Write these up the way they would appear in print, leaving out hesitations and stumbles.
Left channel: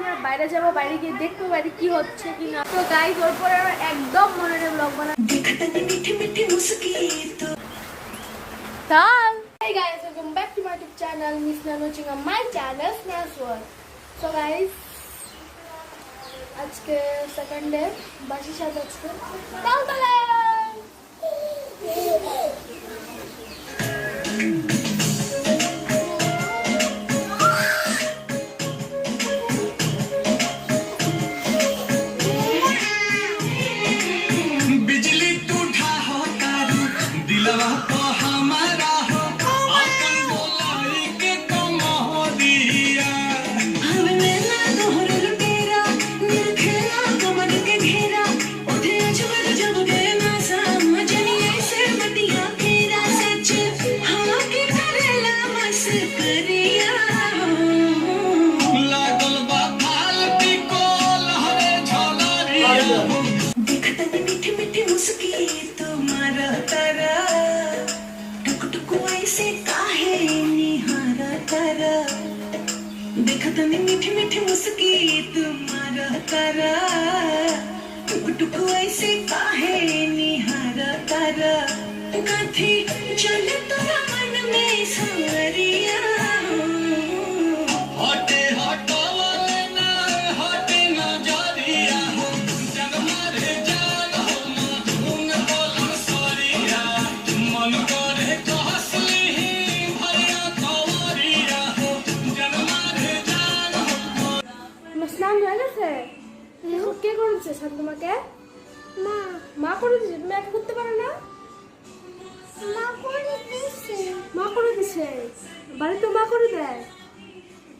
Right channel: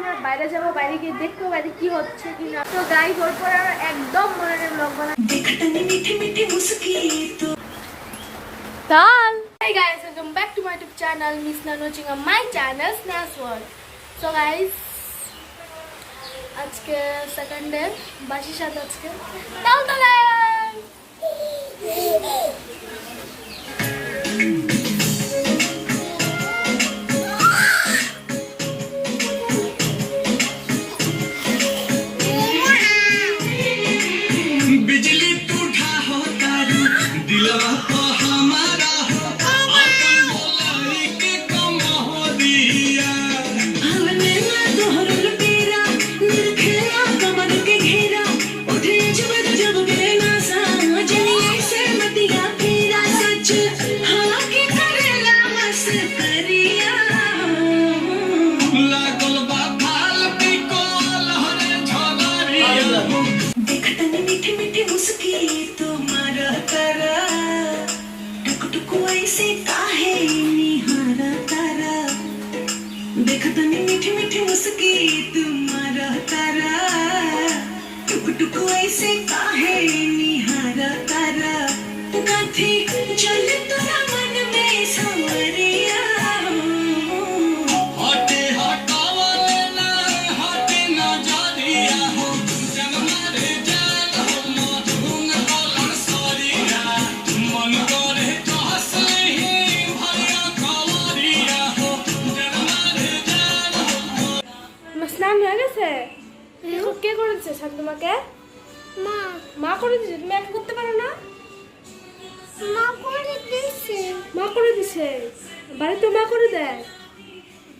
আমরা বাইরে যাবো, বাইরে গিয়ে দেখবো বাইরে কি হচ্ছে কি না। তো গাইস ওর পরে আমরা একদম মনে ব্লগ বানাবো। Hey guys, welcome back to my YouTube channel. Miss Nano Chinga, my channel Sna's World. So guys, আজকে সেকেন্ড ডে বাসির সাথে আজকে তালতলা मीठी मीठी मुस्की तुम्हारा तारा टुक टुक ऐसे काहे निहारा तारा काथी चले तोरा मन में सांवरिया हटे हटावले ना हटे नजरिया हो जग मारे जान हो मधुन बोलन सरिया मन करे तो हंसले ही भरिया खलरिया हो जग मारे স্নান হয়ে গেছে? কে করেছে শান্তমাকে? মা। মা করে দিয়েছে? তুমি একা করতে পারো না? মা করে দিয়েছে। মা করে দিছে? বাড়িতে মা করে দেয়?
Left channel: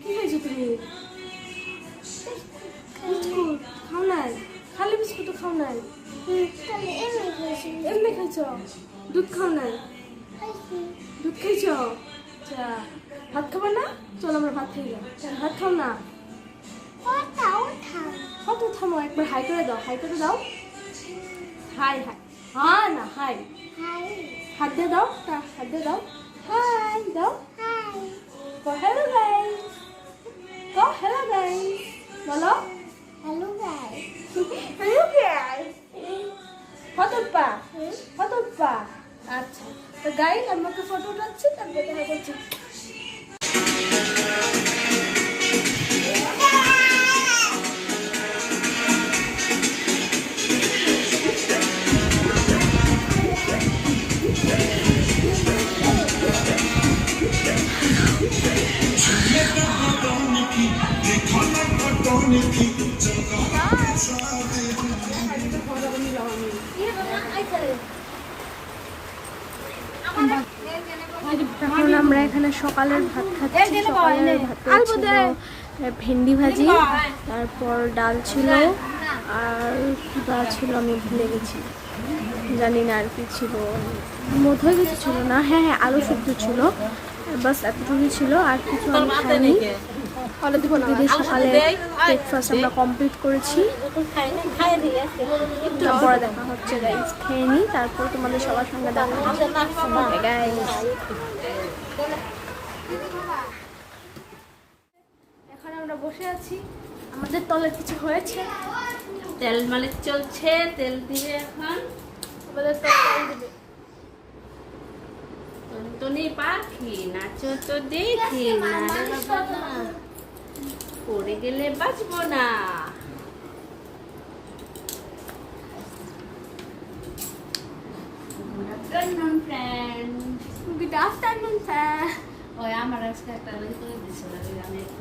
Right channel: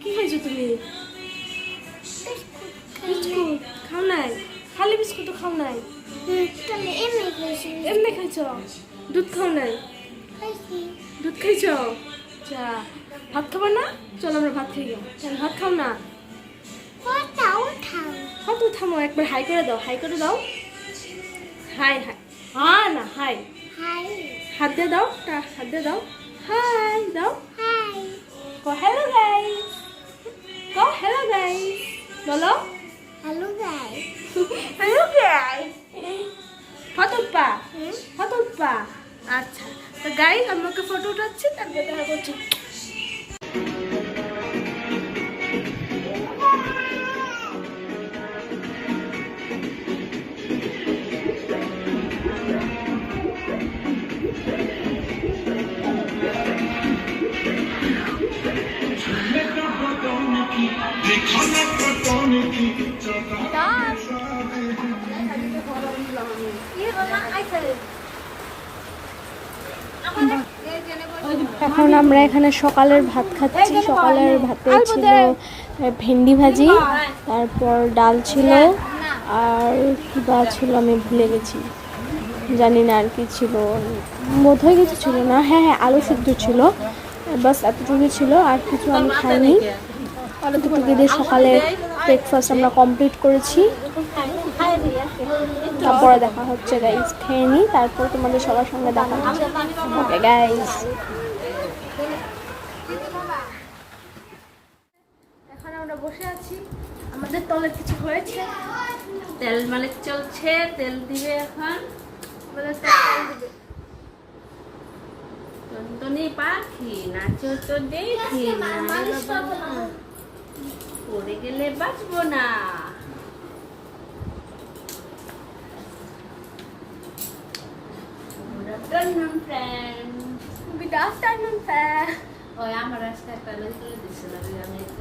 কি খাইছো তুমি? বিস্কুট খাও নাই? খালি বিস্কুট খাও নাই? এমনি খাইছো? দুধ খাও নাই? দুধ খাইছো? আচ্ছা, ভাত খাবো না? চল আমরা ভাত খাই। ভাত খাও না? কত থামো, একবার হাই করে দাও, হাই করে দাও। হাই হাই, হ্যাঁ না হাই, হাত দিয়ে দাও, হাত দিয়ে দাও, হাই দাও, গো হ্যালো গাইস, গো হ্যালো গাইস, বলো হ্যালো গাইস, হ্যালো গাইস। ফটোপা ফটোপা। আচ্ছা তো গাইস আমাকে ফটো উঠাচ্ছি, তারপর দেখা করছি। এখন আমরা এখানে সকালের ভাত খাচ্ছি। সকালের ভাতে ছিল ভেন্ডি ভাজি, তারপর ডাল ছিল, আর কিবা ছিল আমি ভুলে গেছি, জানি না আর কি ছিল, বোধহয় কিছু ছিল না। হ্যাঁ হ্যাঁ আলু সিদ্ধ ছিল, বাস এতটুকু ছিল, আর কিছু আমি খাইনি। সকালে ব্রেকফাস্ট আমরা কমপ্লিট করেছি। তারপরে দেখা হচ্ছে গাইস, খেয়ে নিই, তারপর তোমাদের সবার সঙ্গে দেখা হচ্ছে। ওকে গাইস, এখন আমরা বসে আছি, আমাদের তলে কিছু হয়েছে, তেল মালিশ চলছে, তেল দিবে এখন। আমাদের তেল দিবে। টুনটুনি পাখি নাচো তো দেখি না, পড়ে গেলে বাঁচবো না। Good afternoon, friends. Good afternoon, sir. ওই আমার আজকে একটা রিলস করে দিছিল, আমি একটু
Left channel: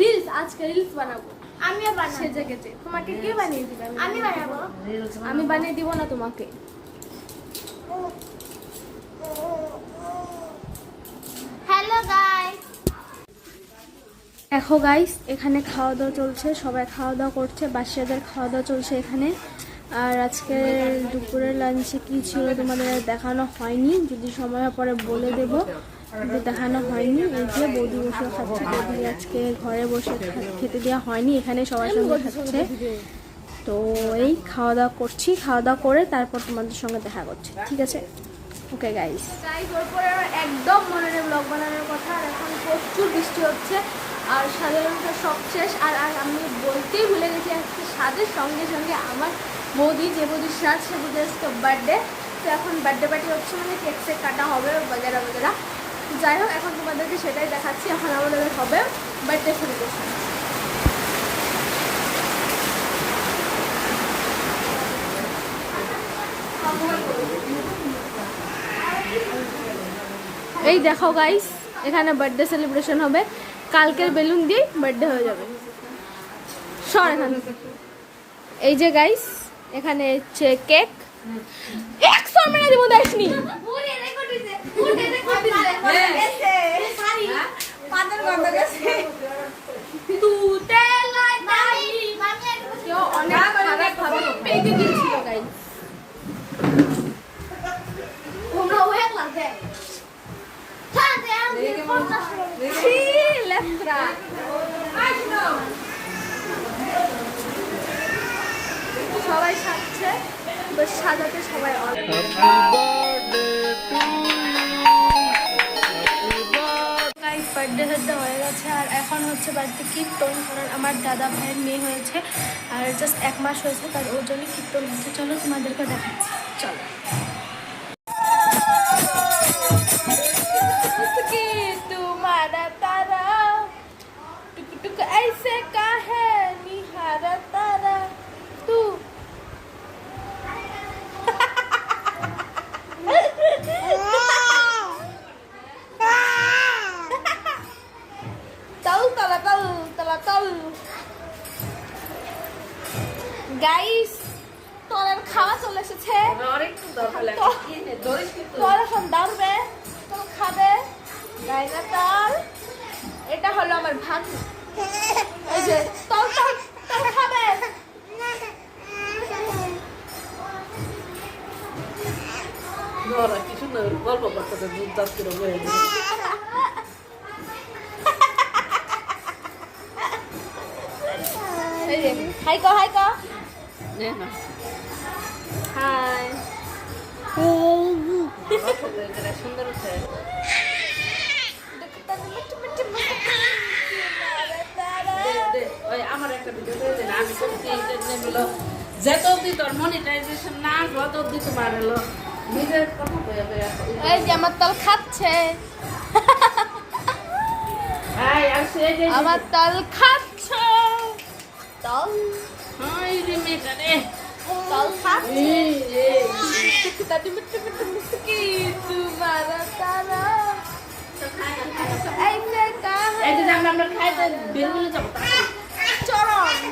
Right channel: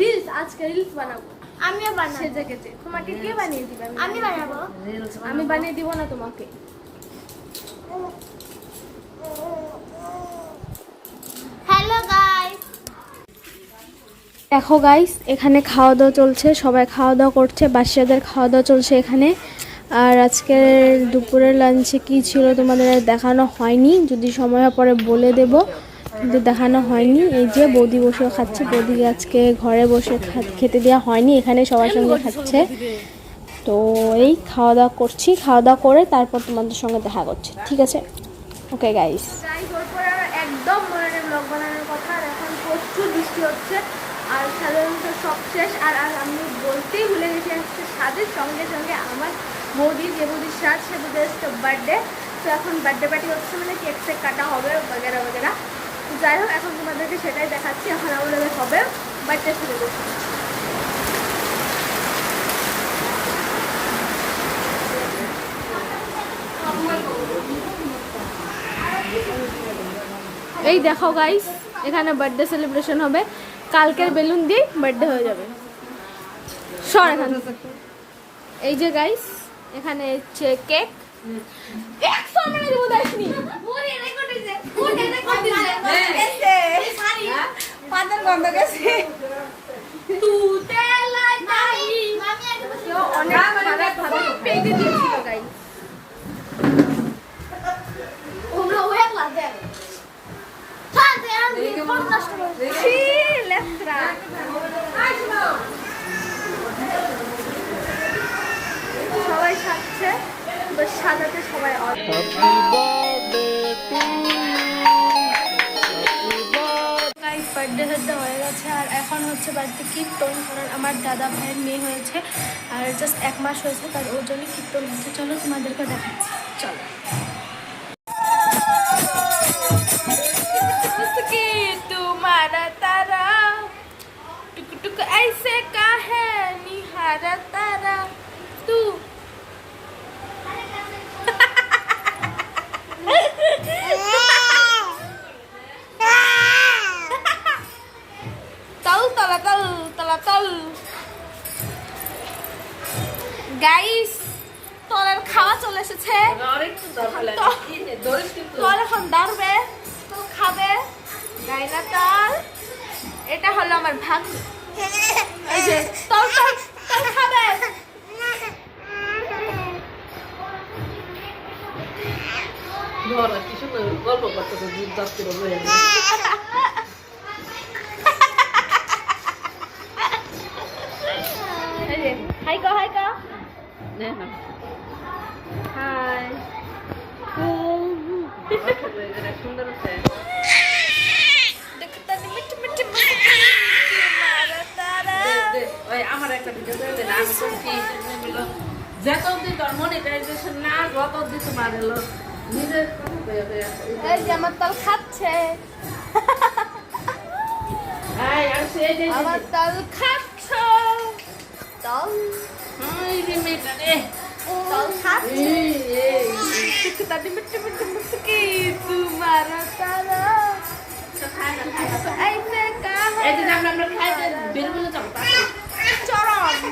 রিলস, আজকে রিলস বানাবো। আমিও বানাবো সে জায়গাতে। তোমাকে কে বানিয়ে দিবে? আমি বানাবো। রিলস আমি বানিয়ে দিব না তোমাকে। হ্যালো গাইস, দেখো গাইস এখানে খাওয়া দাওয়া চলছে, সবাই খাওয়া দাওয়া করছে, বাচ্চাদের খাওয়া দাওয়া চলছে এখানে। আর আজকে দুপুরের লাঞ্চে কি ছিল তোমাদের দেখানো হয়নি, যদি সময় পরে বলে দেব, কিন্তু দেখানো হয়নি। এই যে বৌদি বসে খাচ্ছে, বৌদি আজকে ঘরে বসে খেতে দেওয়া হয়নি, এখানে সবার সঙ্গে খাচ্ছে। তো এই খাওয়া দাওয়া করছি, খাওয়া দাওয়া করে তারপর তোমাদের সঙ্গে দেখা করছি, ঠিক আছে? ওকে গাইস, গাইস ওর পরে একদম মনে নেই ব্লগ বানানোর কথা। আর এখন প্রচুর বৃষ্টি হচ্ছে, আর সাধারণত সব শেষ। আর আর আমি বলতেই ভুলে গেছি, আজকে স্বাদের সঙ্গে সঙ্গে আমার বৌদি, যে বৌদির স্বাদ সে বৌদির আজকে বার্থডে। তো এখন বার্থডে পার্টি হচ্ছে, মানে কেক টেক কাটা হবে বগেরা বগেরা। যাই হোক, এখন তোমাদেরকে সেটাই দেখাচ্ছি। এখন আমাদের হবে বার্থডে সেলিব্রেশন। এই দেখো গাইস, এখানে বার্থডে সেলিব্রেশন হবে। কালকের বেলুন দিয়ে বার্থডে হয়ে যাবে। সর এখান থেকে। এই যে গাইস, এখানে হচ্ছে কেক। কেক সর মেরে দিব দেখনি। অনেক খারাপ ভাবে পেটে দিয়েছিল গাইস। সবাই সাজছে, বেশ সাজাতে সবাই বার্থডে সার্থডে হয়ে গেছে। আর এখন হচ্ছে বাড়িতে কীর্তন, কারণ আমার দাদা ভাইয়ের মেয়ে হয়েছে আর জাস্ট 1 মাস হয়েছে, তার ওর জন্য কীর্তন হচ্ছে। চলো তোমাদেরকে দেখাচ্ছি, চলো। तुम्हारा तारा टुक टुक ऐसे का है निहारा तारा तू। तल तला तल तला तल গাইস, তোর খাওয়া চলে এসেছে। তোর এখন দাঁড়বে, তোর খাবে গাইনা তাল। এটা হলো আমার ভাত। এই যে তোর তোর তোর খাবে। গল্প করতেছে দুধ দাঁত করে বয়ে হাই কা হাই কা নে না হাই। সুন্দর হচ্ছে। আমার একটা ভিডিও আমি করছি, যত অব্দি তোর মনিটাইজেশন না যত অব্দি তোমার এলো নিজের কথা এই যে আমার তাল খাচ্ছে, আমার তাল খাচ্ছ তাল। তাল খাচ্ছে তাদি মিট্টু মিট্টু মুস্কি তোমারা তারা ऐसे कहा है चरण।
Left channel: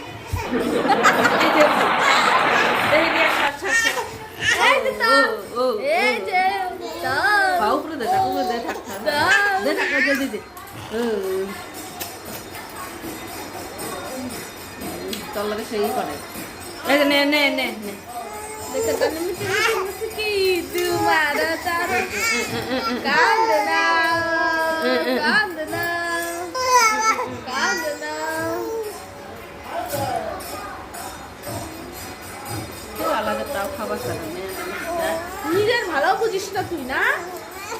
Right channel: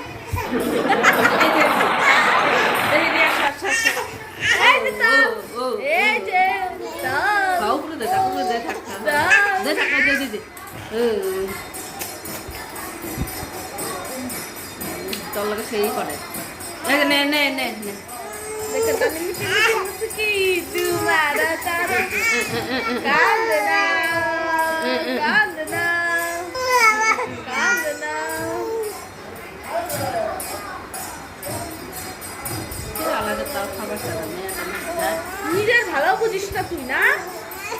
তোর লাগে সেই করে নে নে নে নে तुम्हारा तारा कांदना कांदना। নিজের ভালো বুঝিস না তুই, না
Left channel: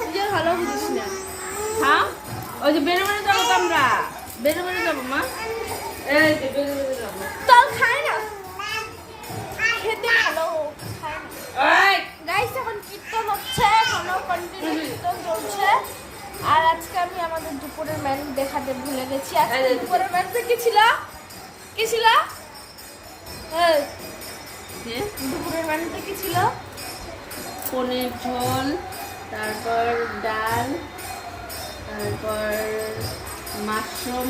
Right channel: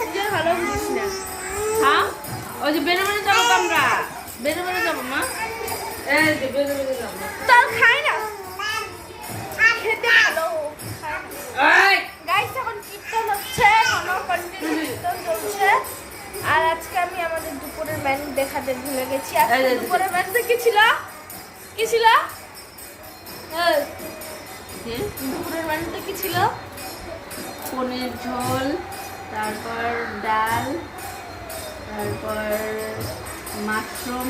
নিজের ভালো বুঝিস না। হ্যাঁ, ওই যে বেড়ে বেড়ে যাবো তো আমরা, বেড়ে বেড়ে যাবো মা। এই যে বেড়ে বেড়ে যাবো, তাল খায় না, খেতে ভালো খায় না। গাইস, এখন কীর্তন হচ্ছে, এখনো কন্টিনিউ কীর্তন চলছে। আর আজকে আমি আমাদের দুপুরের মেনু দেখাতে ভুলে গেছি। আজকে দুপুরের মেনুতে কি ছিল? কি ছিল? দুপুরের মেনুতে কি ছিল? পনির ঝোল, তারপর ডাল, তারপর মাশরুম,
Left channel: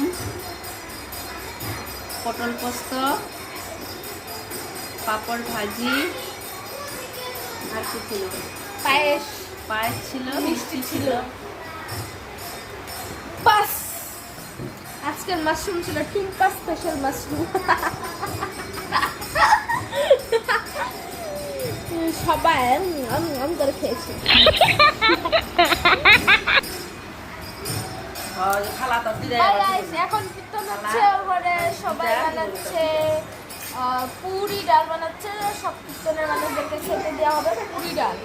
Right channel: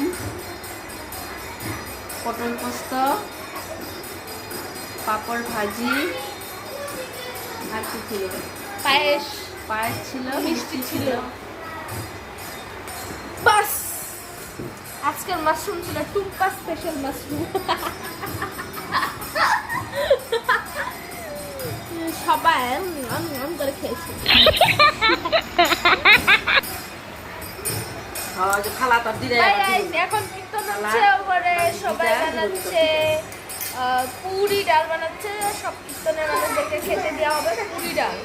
পটল পোস্ত, পাপড় ভাজি, আর কি ছিল? পায়েস। পায়েস ছিল, মিষ্টি ছিল। বাস, আজকের মাশরুম ছিল টুম্পা স্পেশাল মাশরুম। সবাই আমি করে খেয়েছি। এখন কীর্তন হচ্ছে, ওপরে সবাই বানাচ্ছে পুরি ডাল বানাচ্ছে। সব কীর্তনের মানুষদেরকে খেতে দেওয়া হবে পুরি ডাল।